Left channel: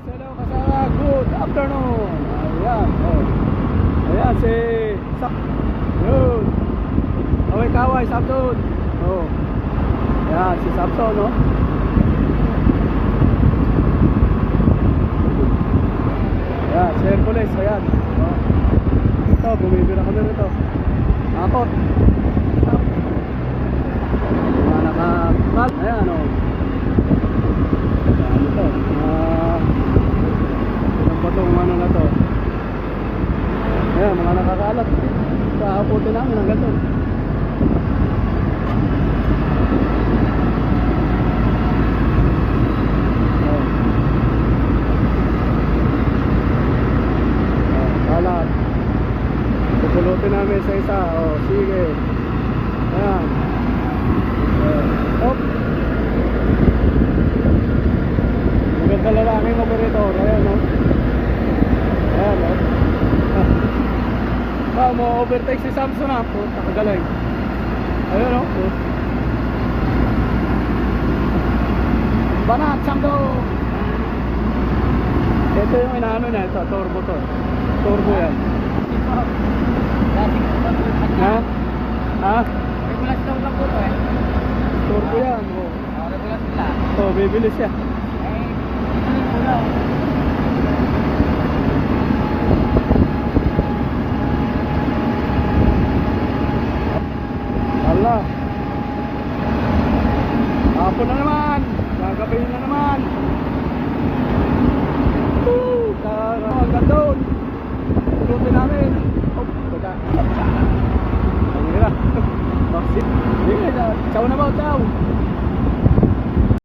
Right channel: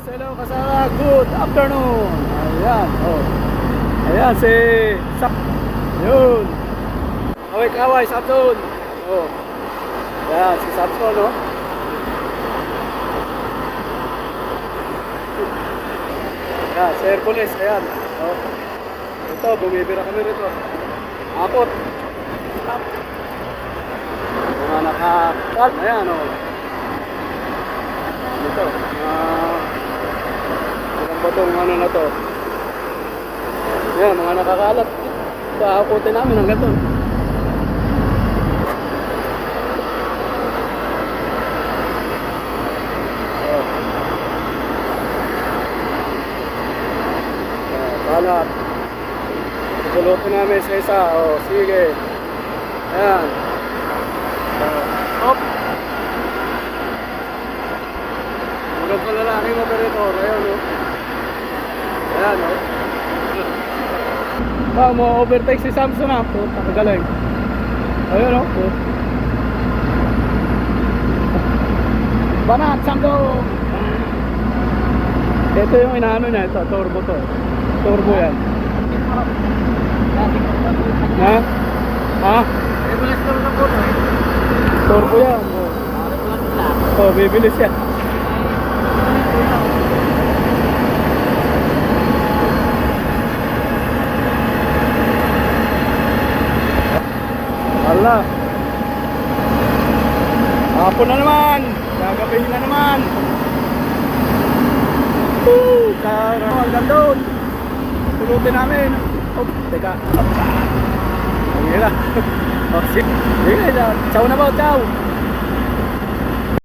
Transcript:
Hello kasama, good afternoon. Ayan, oh. Ayan si yun. Kaway, Samson. Oh. Ayan si Samson, no. Ayan, si Hercules, ayan. Oh. Ito, bumibira kami rito. Akot. Stop. Mga nakakal. Ayan, oh. Ayan ito. Ilang ba itong ano na to? Ayan, mga nakakalat. Kaakotin namin hanggang doon. Oh. Kalat. Pupulutin namin sa isa. Oh, sige. Ayan. Hop. Maganda lalaking operator. Ayan, oh. Ayan, oh. Mo overtake si Samson, ha. Puta, kagaling. Ayan, oh. Banat, Samson. Ito yung inaano niya. Ito, turbo to. Turbo yan. Ha? Ha? Regulas naman ang puto eh. Turbo yan. Oh. Regulas lang. Oh, bibilis yan. Hala. Hapon na naman. Gagabihin na naman. Woo! Hanggang doon. Pulutin namin. Oh, teka. Ang hira. Oh, sige. Sige, ciao na ba? Ciao.